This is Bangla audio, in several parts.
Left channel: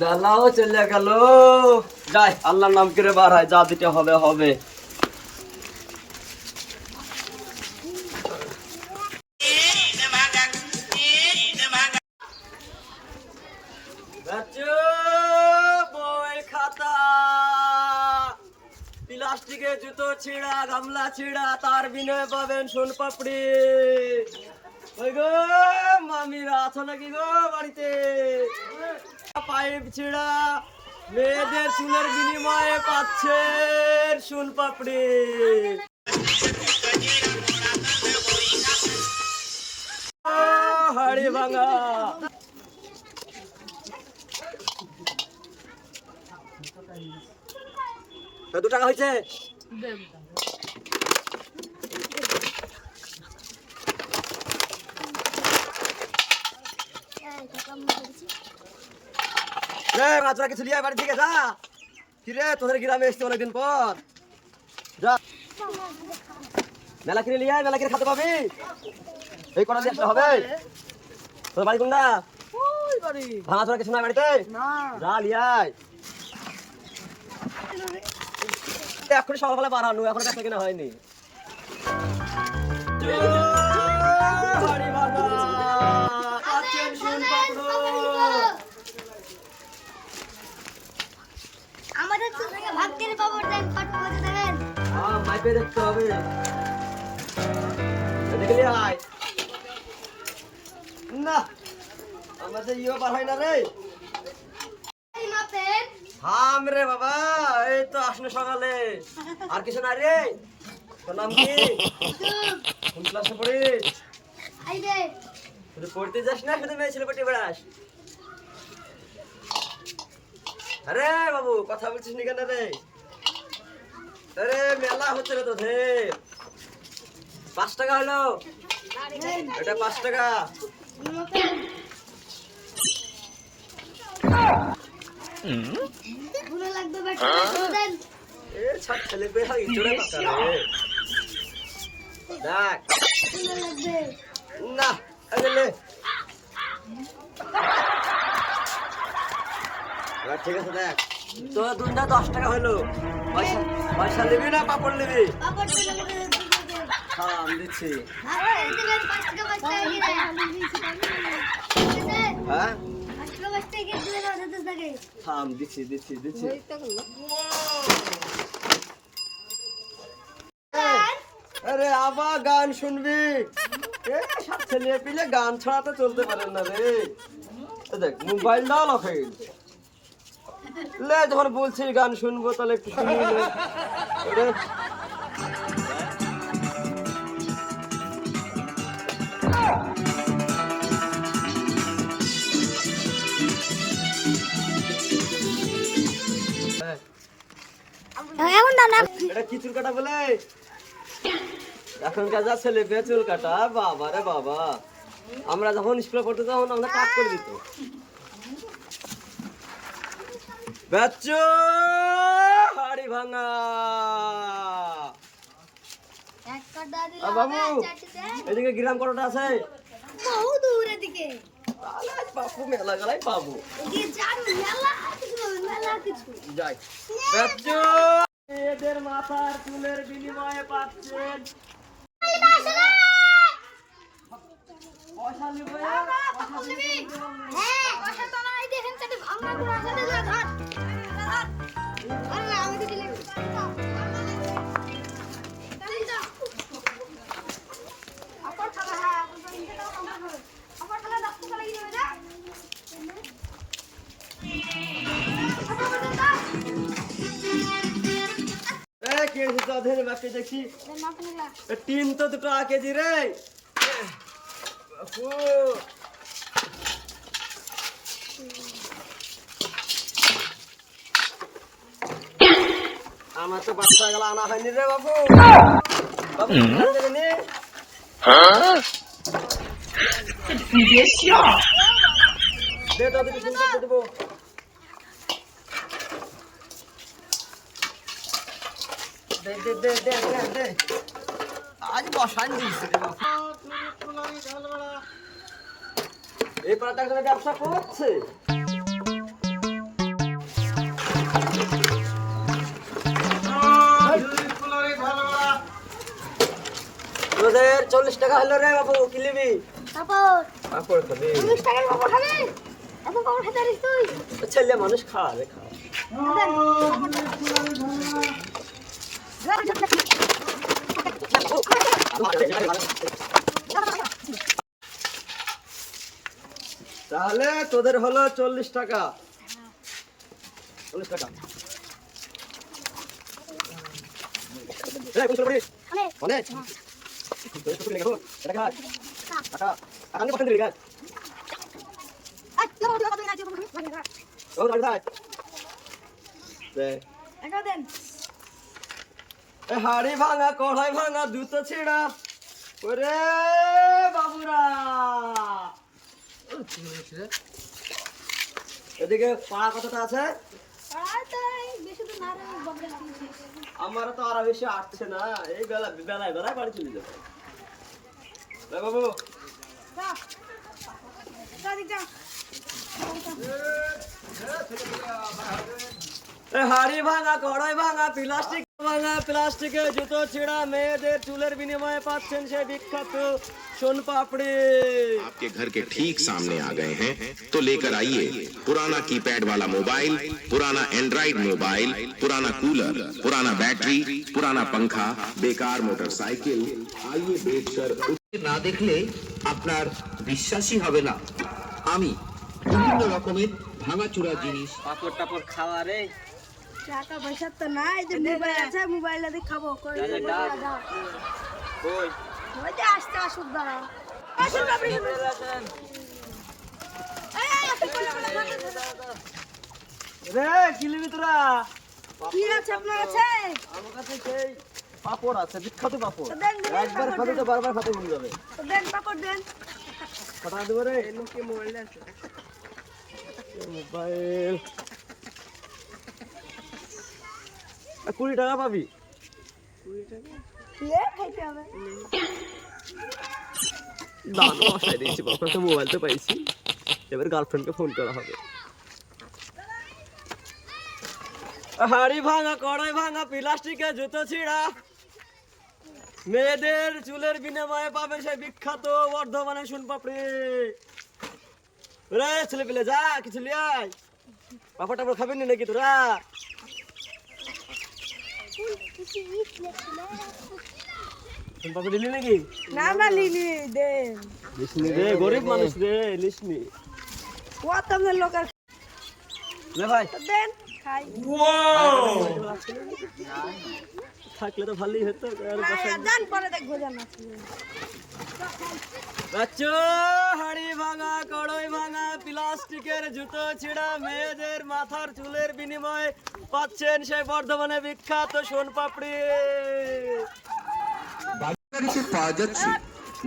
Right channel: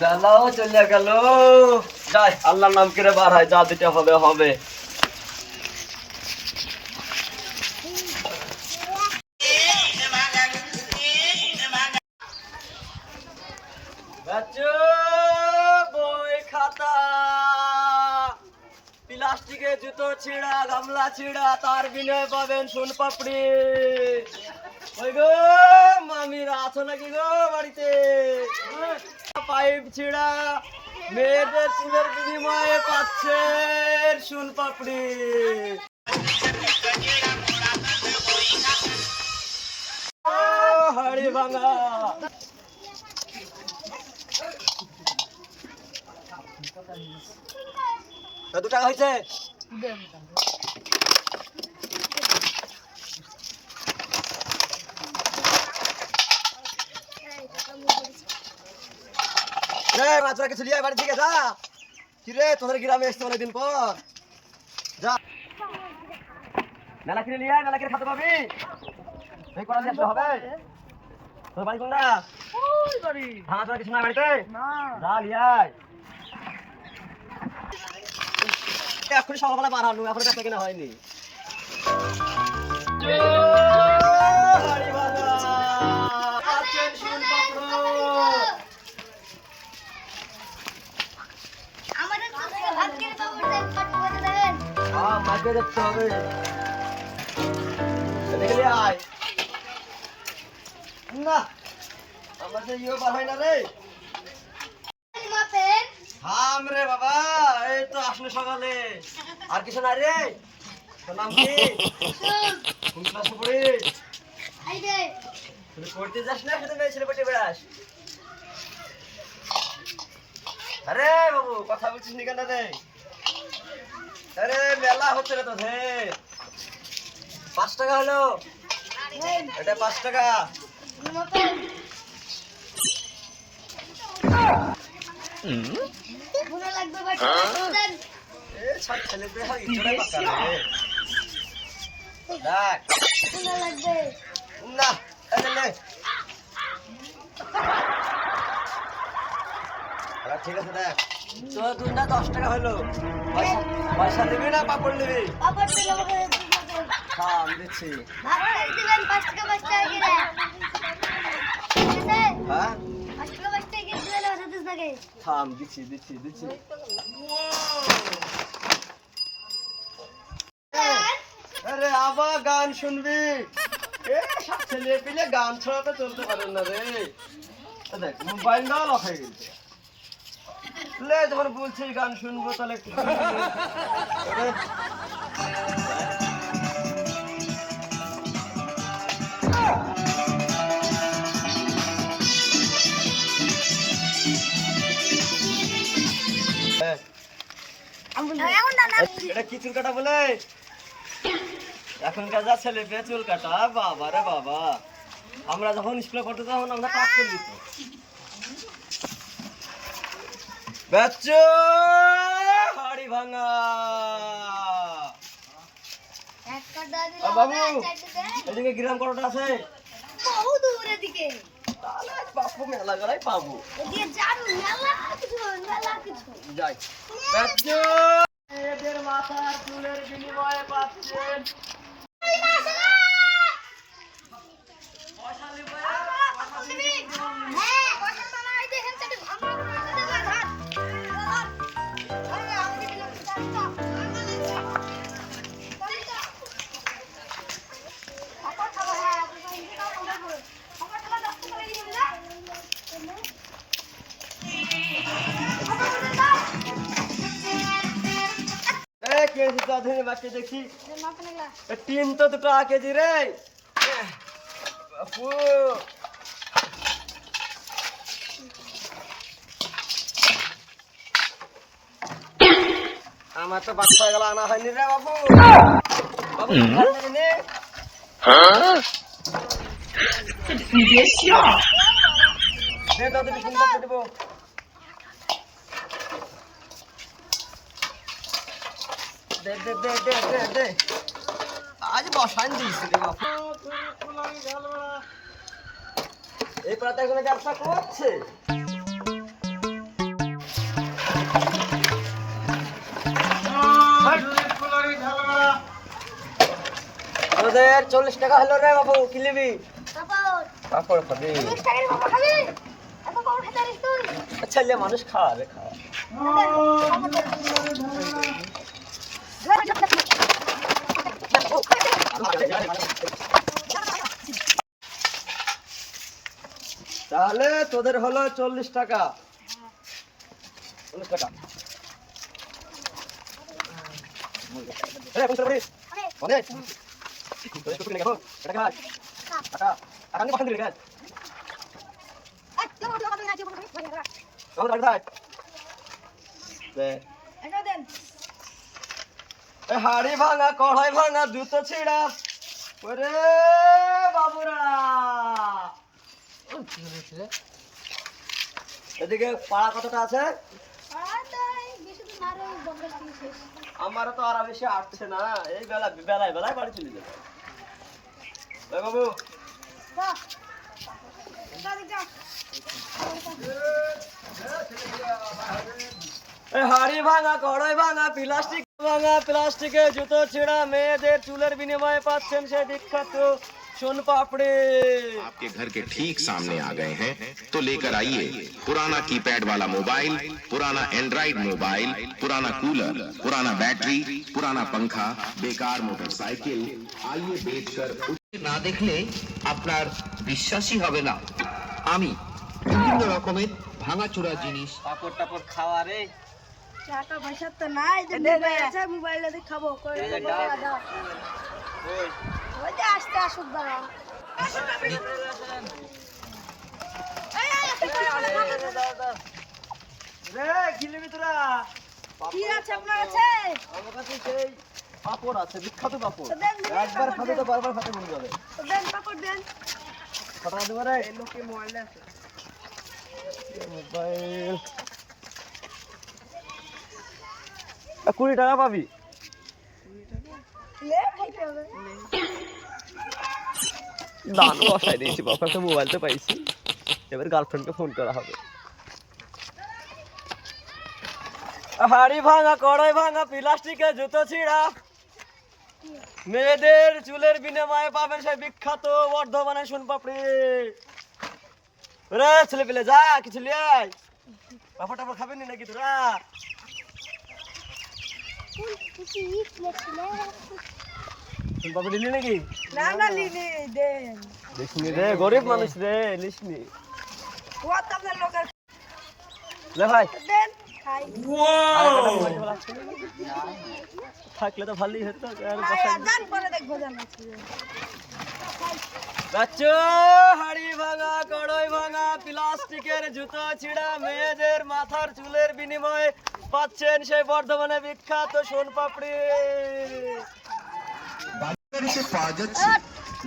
জ্বালাও চলে গেল। যাই আল্লাহর নাম করে বার হয়, যা দিতে হবে হবে। বই খাতা প্লাস্টিকের জুতো ছিঁড়া, গামলা ছিঁড়া, তার বিনয় পাবেন সোন পাপড়ি। ওই গো মামিরা আছো নাকি গো বাড়িতে? পাইপ ছিঁড়া, মেয়েদের চুলের বিনিময়ে পাচ্ছেন সোন পাপড়ি। হাড়ি ভাঙা কত টাকা হয়েছে? তোরা কিছু লিয়ে বাড়ি থেকে যা। কিরে তোদের গ্রামে এসছে অনেকদিন পর, যা মেলা কিনে লিয়ে মেলা কিনে খাতে পাবি। এই করা দিয়ে আসতে হবে। তোর বাড়ি কোনটা? ভাঙা তোরা কিছু না বাড়িতে, যা লিয়ে এখন সকালবেলা বাড়ানো, এখন কাছে কেনা হয়নি। মাইপে দেখতে হবে, দেখলি আয় না আমাদের ইয়ে বার হয় না রে। হাম রে বাবা, এই তো আসলে সকালে। আর কিছু নাই রে? তোর নাম কি? কোন ক্লাসে পড়িস? তুই পড়তে যাস না, শুধু মেয়ে ছেলে পড়তে বেড়াস? আরে বাবু কথা বলছিস নি কেন রে? আরে মেলা হচ্ছে রে তোদের। 5 টাকা হলো এটা, 5 টাকা। সব ছেলে পেয়ে হয় ইঁচড়ে পাকা রে। দেখ না ঠিক আছে, দেখ তোর দুধ না 10 টাকা হইলো। পয়সা দিবি না পাপড় দিবি? হ্যাঁ আমি দিচ্ছি। হ্যাঁ থাম, দিচ্ছি দিচ্ছি দিচ্ছি। আরে আবার গান শুনবি? সব ছেলে পেলে গান ছাড়া তো চলতে পারেন না রে। দেখ মোবাইল দাও না ভাই, যখন বলছি গান শুনবো তাহলে একটু এটা কি চুল কাটা বলে? এখনকার যা ছেলে পেয়ে চুল কাটা, বাবা রে বাবা। আমরা যখন স্কুলে পড়তে তখন আমরা কাজ করে দিত। বাচ্চা হাড়ি ভাঙা বাবু, এদিকে গ্রাম কতটা আছে? বহু দূর এদিকে। তাহলে বাপু মেলা গেলাই পাবো। যাই বাচ্চা, এদের মাথার চুলের বিনিময়ে পাচ্ছেন দেখি টিন তো 2 টাকা কেজি রে বাপু। আমার তো বাচ্চা গেল আনা হয়নি রে বাপু। বাবু দেবো। আজ বসান দিয়েছি রে বাপু। এই পাতা ব্যবসা করছে। তোদের 40 টাকা হলো রে বাবু, কি নিবি? পাপড় পাপড় খাবি? 40 টাকার পাপড় খাবি? এত পাপড় খেতে পারিস তুই? ছেলে মানুষ খাওয়াবে, খাওয়া। দেন, পাপড় দেন। তাহলে তোদের হলো 40 টাকা। 40 টাকা। এই কোন করি? অনেক। তোদের কত লাগবে? এটা কাজ। টাকা। টাকা নিয়ে পছন্দ দিলি কাজ। আই, তুই ওটা কত আছে পাপড়? চল রাখ দাই। দে। এটা দেন। এ হাড়ি ভাঙা, কড়াই ভাঙা, জুতো ছিঁড়া। ওরে বাবুরা। এদিকে পাড়া কতটা আছে? আর তো বেশি তো না রে, বকরা শুনছিস। আমারও তো আর বেশি আসছে না, এই বেলায় বাড়ি চলে যাবে। এ বাবু, যা। যা দিক যা। এ হাড়ি ভাঙা, কড়াই ভাঙা, প্লাস্টিক ভাঙা, প্লাস্টিকে জুতো ছিঁড়া, মেয়েদের চুলের বিনিময়ে পাচ্ছেন সেই বিখ্যাত সোন পাপড়ি। आपके घर के ठीक सामने आ गए हैं तो लेकर आइए पुराना कीपैड वाला मोबाइल, पुराना एंड्रॉइड मोबाइल, पुराना कूलर, पुराना बैटरी, पुराना पंखा, बेकार मोटरसाइकिल। आइए बेचकर না দেখলে আপনার বিশ্বাসই হবে না। আমি বিভিন্ন রকমের ভাঙাচোরা জিনিস পাপড় টাপড় খাওয়া রে। টাকা পয়সা তো নাই, যে মোবাইল আছে, মোবাইলে দিয়ে খাবো। কই দাদা, দেবো দাদা। দাদা? ওই ওই যে আসতে আসুক দাঁড়া। আসুন পাপড়ি দেবো। এই, এই, আসুন, রে কি নিবি তোরা? কি আছে আপনার কাছে? আমার কাছে সেই পাপড় আছে, বিখ্যাত পাপড়। তো দেন, দেন, একবার পাপড় খাবি তো দেন। বারবার খেতে মন যাবে। তো দেন, পাপড় দেন। কটা দেবো রে? লোকে মোবাইল আছে। মোবাইল 20 টাকা পাবি। লে, খাইতে হবে। দাম বসাই দিয়েছি বাবা, একটা মোবাইল তো পাইছি, এবার গার্লফ্রেন্ডকে ফোন করা হবে। হাড়ি ভাঙা, কড়াই ভাঙা, প্লাস্টিকের জুতো ছিঁড়া, মেয়েদের চুলের বিনিময়ে পাবেন সেই বিখ্যাত বর্ধমানের সোনপাপড়ি। রে ছেলে পেলে যা, কিছু লিয়ে আয়। পাপড় টাপড় খাবি নি নাকি তোরা? সোনপাপড়ি নিলি নাকি? না না লিনি দেন। লিসনি রে, গরিব মানুষ রে, লিসনি। ও তো আপনার লোকের। লে ভাই তো দেন, খাই। থাকলে তো ভালোই হতো। আর খাই, আর দেন, পরে দেখবো জান আছে। বাচ্চো হাড়ি ভাঙা, কড়াই ভাঙা, প্লাস্টিকের জুতো ছিঁড়া, মেয়েদের মাথার চুলের বিনিময়ে পাচ্ছেন সেই বর্ধমানে বিখ্যাত সোনপাপড়ি। বাজারে পাওয়া যাচ্ছে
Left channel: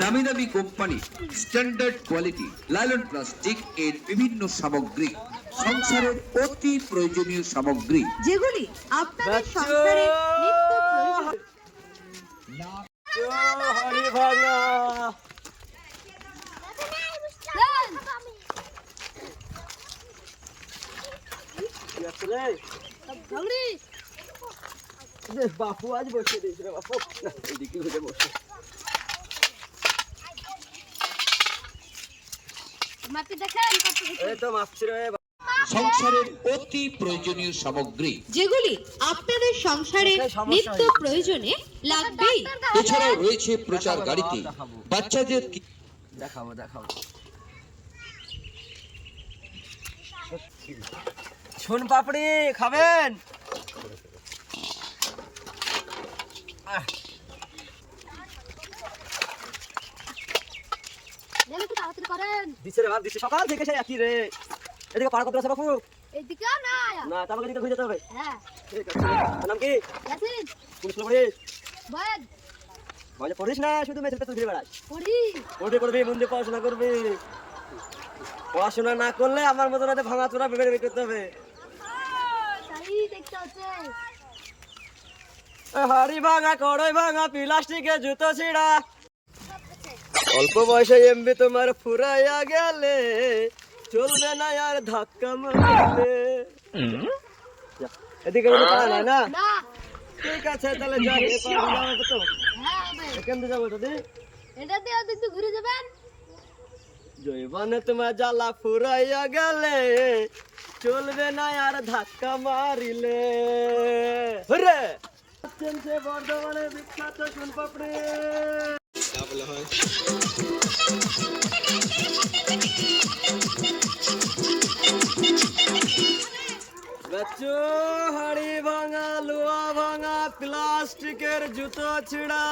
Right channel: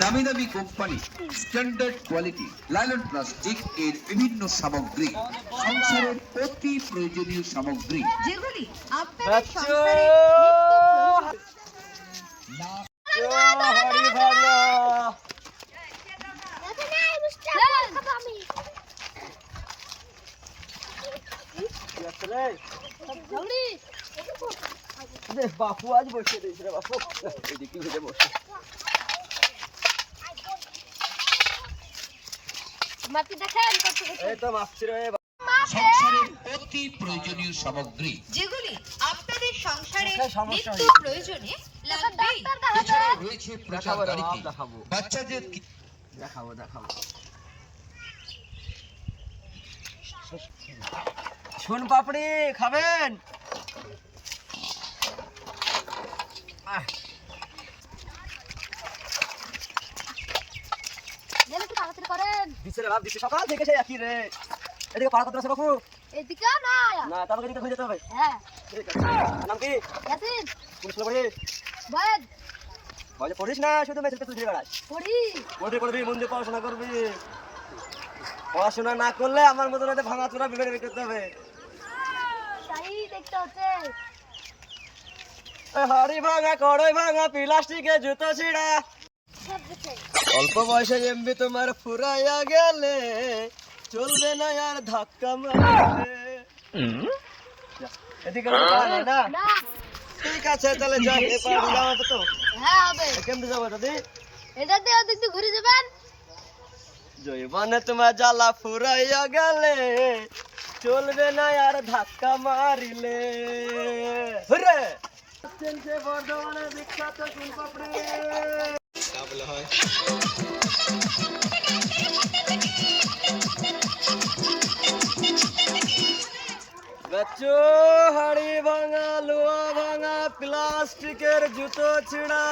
নামি দামি company standard quality nylon plastic এর বিভিন্ন সামগ্রী, সংসারের অতি প্রয়োজনীয় সামগ্রী যেগুলি আপনাদের বাচ্চো হাড়ি ভাঙা, কি আছে রে? দে, বাপু আজ বসে দিয়েছে রে বাপু, এদিকে ঘুরে বসে। মাটি দেখেন কত এই তো মাপছি রে। সংসারের অতি প্রয়োজনীয় সামগ্রী যেগুলি আপনাদের সংসারে সমস্যা নিত্য হয়েছে। প্রয়োজনে লাগবেই। এছাড়াও রয়েছে প্রচার দেখাবো রে, গাড়িতে দেখাবো। বাচ্চাদের দেখাবো দেখাবো। সোন পাপড়ি খাবেন? দেন, একটু তাড়াতাড়ি করেন। দিছে রে বাপ, দিছে সকাল থেকে সেই একই রে। এদিকে পাড়া কত আছে বাপু? এদিকে না। না, তারপরে এদিকে ঘুরে যেতে হবে। হ্যাঁ, ঠিক আছে। তোর নাম কি? ইয়াসিন, কোন স্কুলে পড়িস? বয়েদ, বলে পড়িস না, শুধু মেয়েদের পেছনে ঘুরে বেড়াস। পড়ি। পড়বি, মন দিয়ে পড়াশোনা করবি। পড়াশোনা না করলে আমার মতন হয়তো ভাঙা চোরা বিবেড়ে করতে হবে। তাই দেখতে হচ্ছে। হাড়ি ভাঙা, কড়াই ভাঙা, প্লাস্টিকের জুতো ছিঁড়া, অল্প বয়সে এমবি তোমার ফুরাইয়া গেলে চলবে না আর ধাক্কা মারলে। এদিকে কোনো পাড়া নাই না? না। ঠিক আছে, তাহলে যাই, এ পাড়া যাওয়া তো। হ্যাঁ, হবে। কেমনে যাবো দাদি? এটা দিয়ে ওদিক দিয়ে ঘুরে যাবেন। জৈবনে তোমার জ্বালা ফুরাইয়া গেলে চলবে না আর ধাক্কা মারিলে। হুররে! সে বর্ধমানের বিখ্যাত সোনপাপড়ি। বাচ্চু হাড়ি ভাঙা, লোহা ভাঙা, প্লাস্টিকের জুতো ছিঁড়া।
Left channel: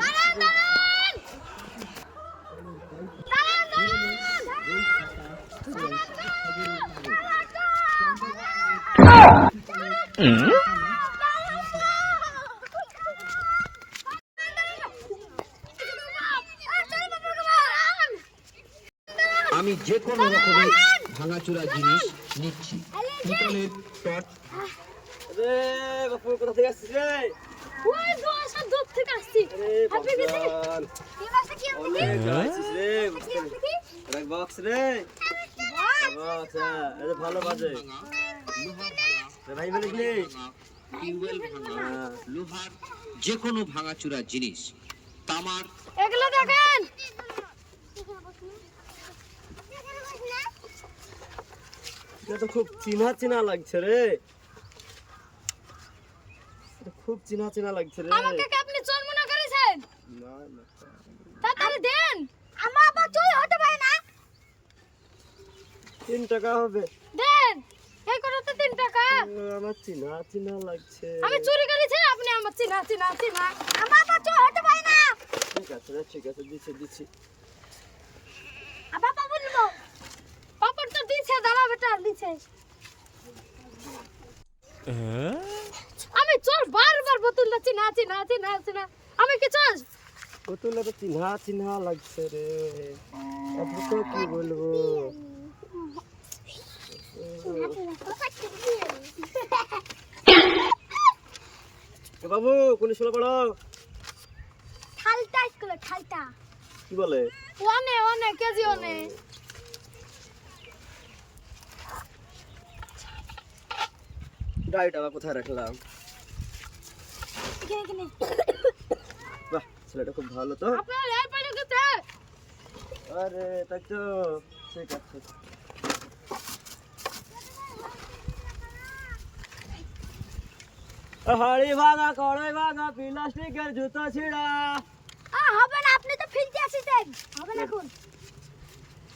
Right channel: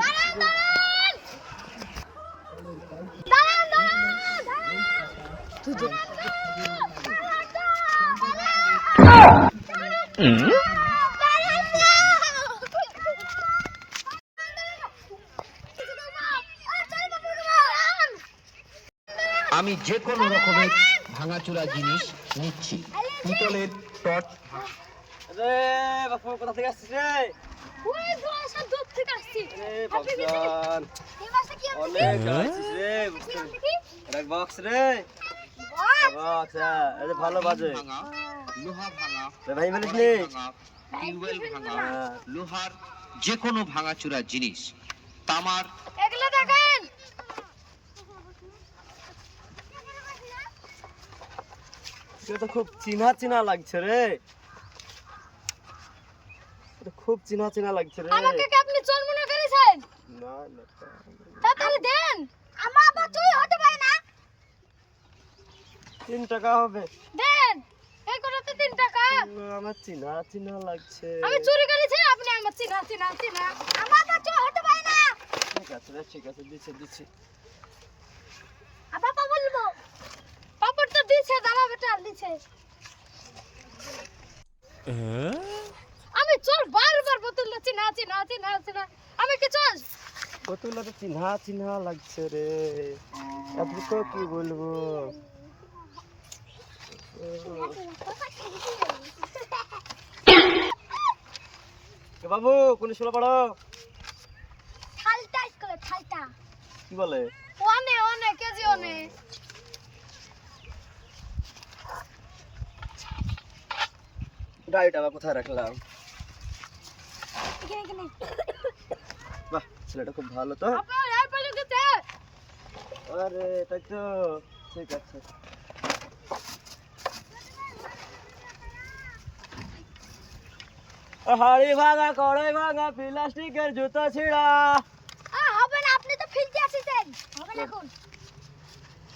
দাঁড়ান, দাঁড়ান। দাঁড়ান, আমি যে কোনো রকমের ভাঙাচোরা জিনিস নিচ্ছি। পিতলের টর্চ, রে বাপু কোথা থেকে আসছিস রে? ওই তো সব দূর থেকে আসছি। আরে বাপজান এই মাসে কি হবে? অনেক আসছিস রে। কি? এক বক্স রে। বাহ! বক্স এই যে ভালো বাজে রে ভাই বলিস নি? টিউবওয়েল ভাঙা, হ্যাঁ। লোহার যে কোনো ভাঙাচোরা জিনিস, তামার এগুলো দেখেন। এটা তো খুব চিনা চিনা লাগছে রে। এটা খুব চিনা চিনা লাগছে রে। আমাকে কি আপনি চোর মনে করেছেন? না না তাড়াতাড়ি দেন। আমার আবার চুরি হতে পারে না। 3 টাকা হবে। দেন। এই করতে 3 টাকা। আমার চিনা চিনা লাগছে। আমি চুরি করেছি, আপনি আমার চিনা চিনা চিনা। আমার আবার চোর হতে পারে না। ঠিক আছে রে, ঠিক আছে, দিচ্ছি। আবার পাপড় নিব। পাপড় তো দিছে, দাঁড়া বেটা দিছে। আমি চোর, বারবার বোতল চিনা চিনা চিনা চিনা। আমি কি চোর? বোতলটা তো চিনা চিনা লাগছে রে। আপনি তো কি বলবো? কে বাবু কোন স্কুলে পড়ো? খালটা স্কুলে খালটা। কি বলে? অনে কেজি অনে। ডাইটা বা কোথায় রাখলাম? এখানে। বাহ, ছেলেটা খুব ভালো তো। আপনার এই পাইলো গেছে। আরে তাই তো, ঠিক আছে। হাড়ি ভাঙা, কড়াই ভাঙা, প্লাস্টিকের জুতো ছিঁড়া। হবে না, আপনি তো ফিরতে আসছেন। হবে না এখন।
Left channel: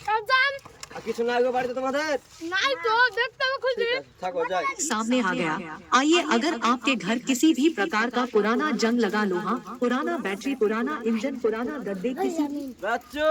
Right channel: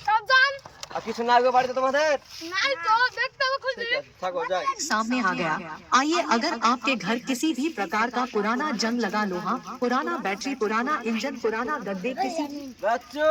সব যান। আর কিছু না গো বাড়িতে তোমাদের? নাই তো, দেখতে হবে খুঁজে। ঠিক আছে, থাকো যাই। सामने आ गया। आइए, अगर आपके घर किसी भी प्रकार का पुराना जंग लगा लोहा, पुराना बैटरी, पुराना इंजन, पुराना गद्दे, किसी বাচ্চু